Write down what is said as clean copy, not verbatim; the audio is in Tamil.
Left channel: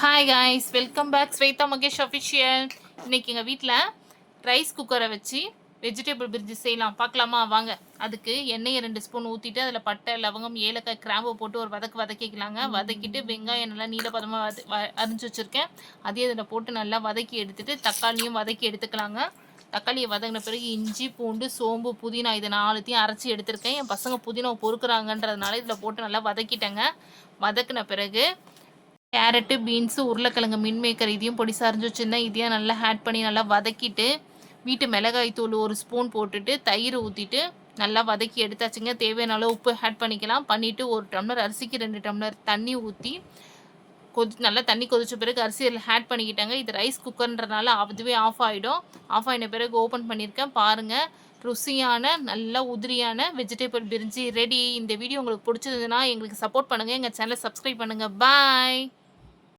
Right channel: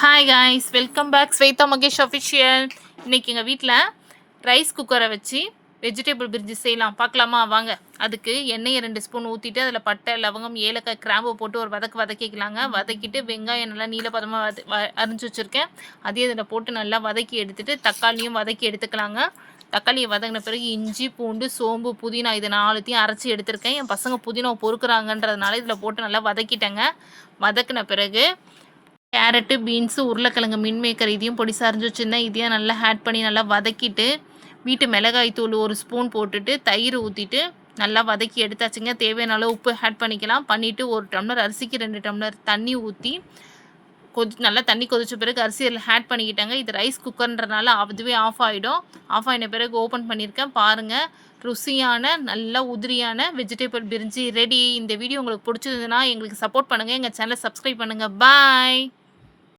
Hi guys, welcome back Swetha Mahesh official. இன்றைக்கி எங்கள் வீட்டில் ரைஸ் குக்கரை வச்சு வெஜிடபிள் பிரிஞ்சி செய்யலாம். பார்க்கலாமா வாங்க. அதுக்கு எண்ணெயை 2 ஸ்பூன் ஊற்றிட்டு அதில் பட்டை, லவங்கம், ஏலக்காய், கிராம்பு போட்டு ஒரு வதக்கிக்கலாங்க. வதக்கிட்டு வெங்காயம் நல்லா நீளப்பதமாக அரிஞ்சு வச்சுருக்கேன். அதையும் அதில் போட்டு நல்லா வதக்கி எடுத்துகிட்டு தக்காளியும் வதக்கி எடுத்துக்கலாங்க. தக்காளியை வதங்கின பிறகு இஞ்சி, பூண்டு, சோம்பு, புதினா இது 4த்தையும் அரைச்சி எடுத்திருக்கேன். என் பசங்க புதினாவை பொறுக்குறாங்கன்றதுனால இதில் போட்டு நல்லா வதக்கிட்டேங்க. வதக்கின பிறகு கேரட்டு, பீன்ஸு, உருளைக்கிழங்கு, மின்மேக்கர் இதையும் பொடிசா அரிஞ்சு வச்சுருந்தேன். இதையும் நல்லா ஆட் பண்ணி நல்லா வதக்கிட்டு வீட்டு மிளகாய் தூள் 1 ஸ்பூன் போட்டுட்டு தயிர் ஊற்றிட்டு நல்லா வதக்கி எடுத்தாச்சுங்க. தேவையான அளவு உப்பு ஆட் பண்ணிக்கலாம். பண்ணிவிட்டு 1 டம்ளர் அரிசிக்கு 2 டம்ளர் தண்ணி ஊற்றி நல்லா தண்ணி கொதிச்ச பிறகு அரிசி அதில் ஆட் பண்ணிக்கிட்டாங்க. இது ரைஸ் குக்கர்ன்றனால அதுவே ஆஃப் ஆகிடும். ஆஃப் ஆகின பிறகு ஓப்பன் பண்ணியிருக்கேன். பாருங்கள், ருசியான நல்ல உதிரியான வெஜிடபிள் பிரிஞ்சி ரெடி. இந்த வீடியோ உங்களுக்கு பிடிச்சதுன்னா எங்களுக்கு சப்போர்ட் பண்ணுங்கள். எங்கள் சேனலை சப்ஸ்கிரைப் பண்ணுங்கள். பாய்.